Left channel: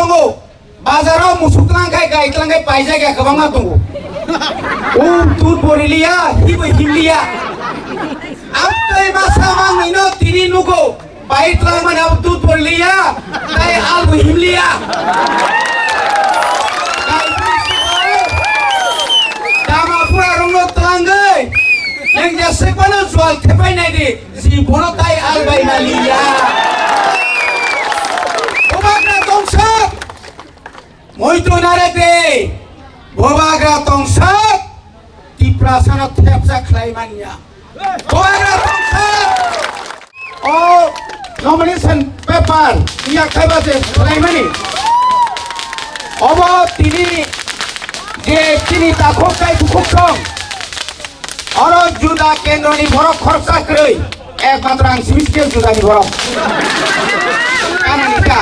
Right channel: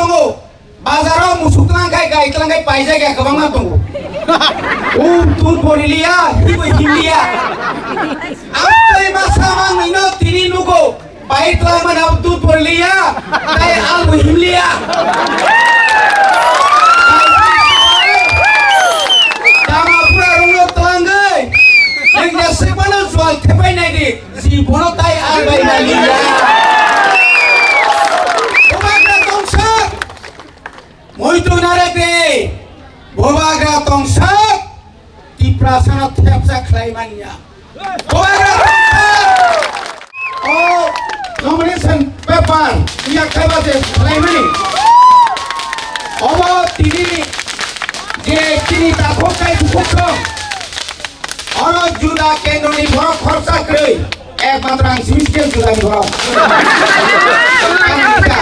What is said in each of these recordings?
दंगो बाजाराव मुसुकलांखाय गायख्लांखाय पाइजायगा गोबांना दंगो तुर बरिलिया हिबो हिमलिया आमतै मासा मांगैनो तिनि नुगो बाइक्ला मानाव तुर बरिलिया ताय आलबो हिमलिया दामापुरा रंनो तलांगै नों जेसेबानो जुवाल थेबायनाय दि जिबनो ताय आलबाय नालिया Moito narete, bobagra tongsak, di prasana tepsa klaimanya. Bobagra tongsak, oh nomination paper, dia khaibate klaimani. Obo tini, je tini takok kai tukokong. Oro juda kendro ni borok khorsa krei, ekmatra ang simiskel juda ni borok. Kanika.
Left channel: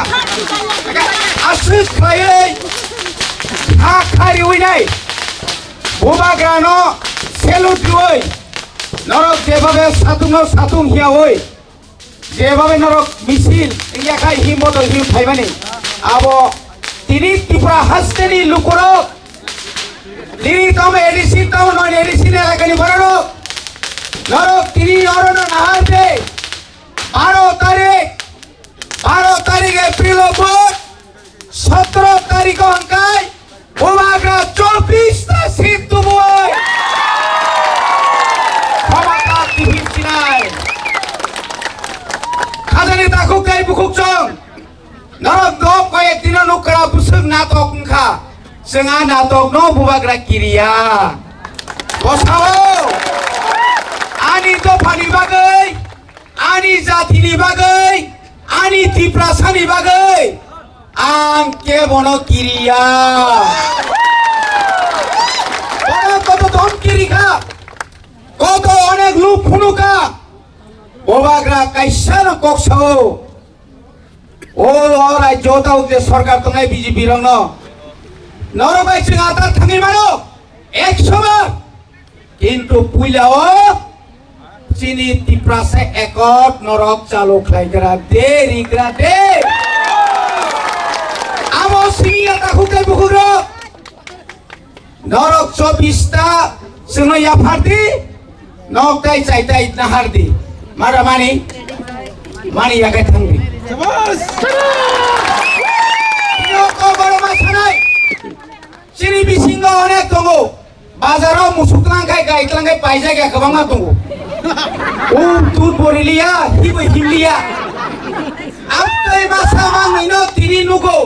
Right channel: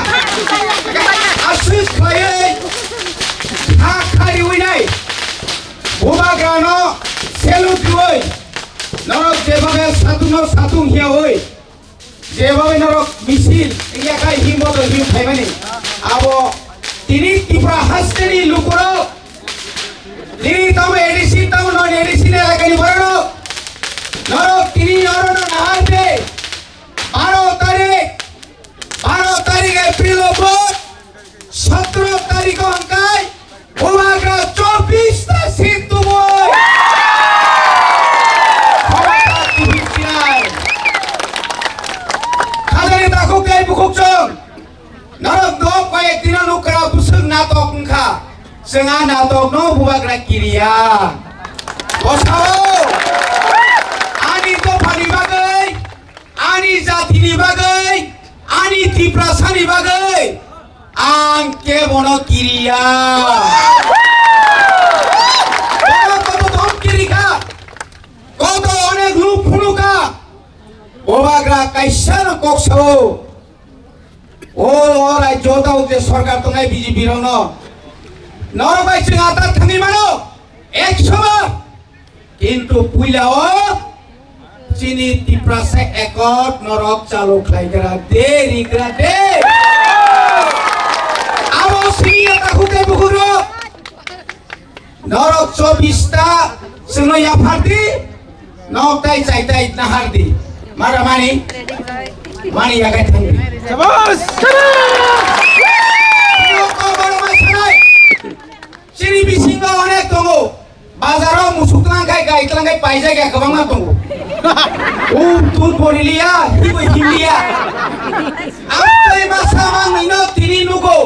Asli klai. Khari winai bobagrano selut hoy norok jebabe satung hia hoy jebabe norok misil iya kai himoto hiu phaimani abo tini tipra hasteni lukoro tini tome edisi town non edisi ne lagani barano norok tini orono naharbe 12 tarik April bot 17 tarik angkai bobagra 24 ta situ boy khawata tibin sinai khadani takuk kai bukuk chong narok do koye dino nukra busuk natok ngkha senga natok no bobagra kiriya bosao ani to phani bagai ani jati ni bagai ani tiprasani bagai angke bono kiriya kото tom kirika koto onek lup phunuka bobagra kaisano koksao o orai jotau je sarkar tongai BJP rongno norobai chingata thangi mano 100 bar kintu puilao chini tiprase ekot norok chalo khlaigara de Sini takut kai bukuro norok 24 ta seno ya pharti nok tai chai tai nahardi mara mani ya kai thangri sabas yo ko baro masanai sini bisingo onek tongo bazaro musuklangai gaitlangai paijaiga gabangna tongo tur borilia hibo himliya amtei masa mangino tini nugo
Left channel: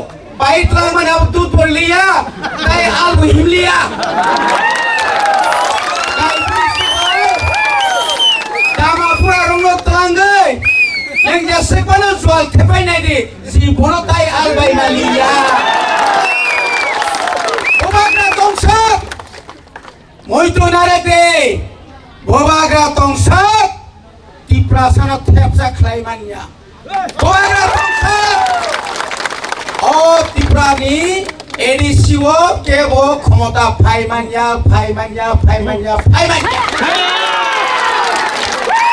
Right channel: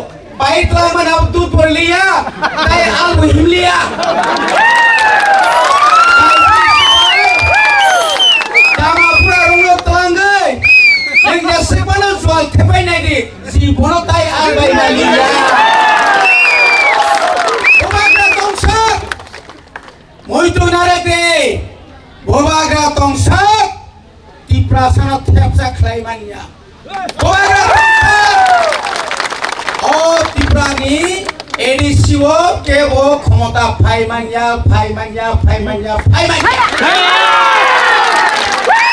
baiklah mana tuh berlia, tay albu himlia. Damapura ronglo telanggai, yang jasepana jual tepai nadi, si bono tay albai nalia. Bobagra tongsak, moito narete, bobagra tongsak, di prasana tepsa klaimanya. Bobagra tongsak. Oh tiprani edisiwo kebo khomota phaimanya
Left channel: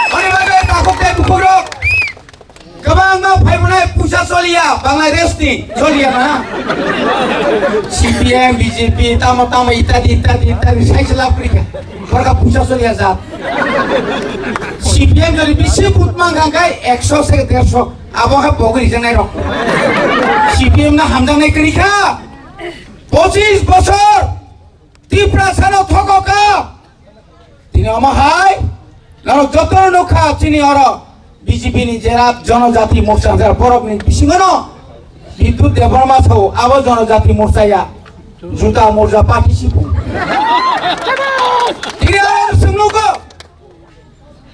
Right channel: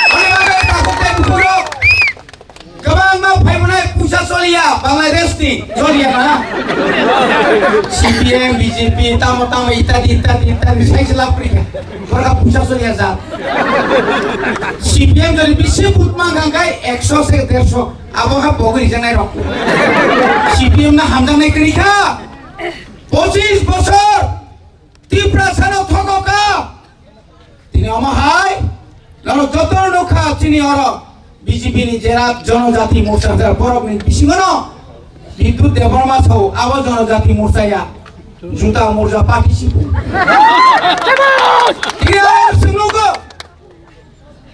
oni bagai takukte bukuro gabang ma phaimana pusa solia Bangladesh ni solia mana CPM BJP tamo itadi saisla Afrika mereka pusa solia zat CPM dari bisi putmang gangkai 100 se 150 aboha pogri jangai rok CPM na hamdang nai kerika 25 বছর তিপ্রাসানো থককা তিনি অমহাই নর যত নখা চিনি or BJP নি জেলা জনজাতি মোর্চা যার বরক নি বিসিংনো বিদ্যুৎ দেবর্মা ছাও আব জনজাতি মোর্চায়া জুতা মোর্চা পার্টিসিপেট তিনি আর সুনুগো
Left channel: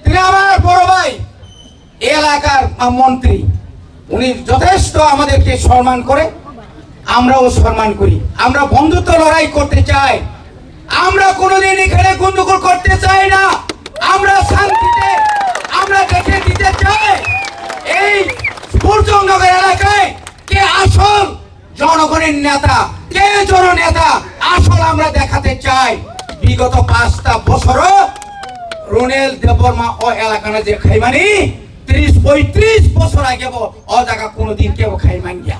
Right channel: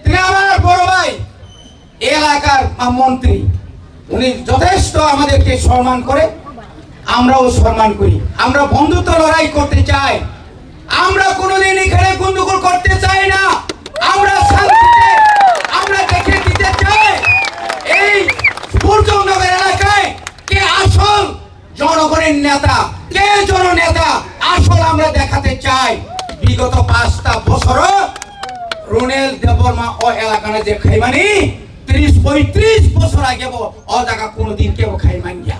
তিনি আমার বড় ভাই এলাকার মন্ত্রী উনি যথেষ্ট আমাদেরকে সম্মান করে আমরাও সম্মান করি আমরা বন্ধুত্ব লড়াই করতে চাই আমরা কোনোদিন এখানে গন্ডগোল করতে চাই না আমরা শান্তিতে আমরা দেখে দিতে চাই এই সূর্যনগর এলাকায় কে আসল জনগণের নেতা কে জননেতা আসল আমরা দেখাতে চাই বিগত 5টা বছর রুনেল দেববর্মা ও এলাকানে যে খাইমানি 30-35 বছর আগে ও জায়গা কোনোদিন কেউ খাইমান গিয়া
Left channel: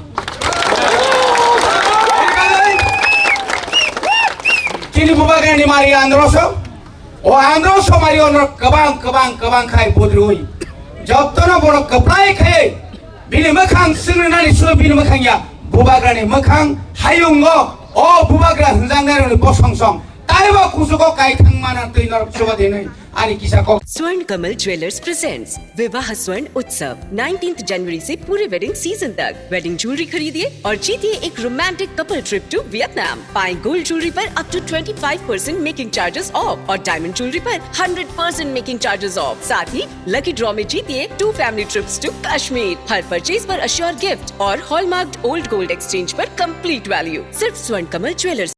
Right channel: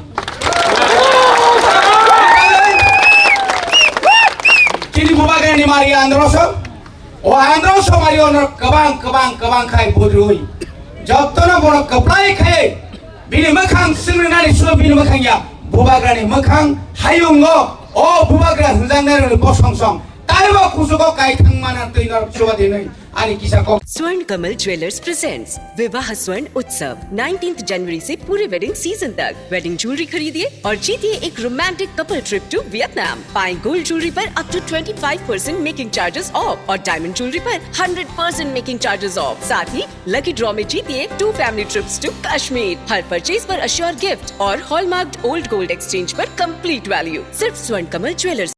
o andro somari onor kabang khai bodroi jobtona bono kaplai khai bini makhang singnani su bini makhang ya bubagrani makhang hayungo o bubagra hunjangnari bosongsong taiba kusuko kai thangmana tuinor chuba denoi ani kisako स्वर्ण कमल jewellers presents विवाह स्वर्ण उत्सव 19 जनवरी से पूरे wedding season तक wedding jewellery खरीदिए और जीतिए एक romantic couple trip to Vietnam. पाएं गोल्ड ज्वेलरी पर up to 25% making charges off और डायमंड ज्वेलरी पर 100% मेकिंग चार्जेस ऑफ। साथ ही लकी ड्रॉ में जीतिए 2 फैमिली ट्रिप्स टू कश्मीर। हर परचेज पर अश्योर गिफ्ट और हॉलमार्क्ड ओल्ड गोल्ड एक्सचेंज पर कंप्लीट वैल्यू। सिर्फ स्वर्ण कमल ज्वेलर्स।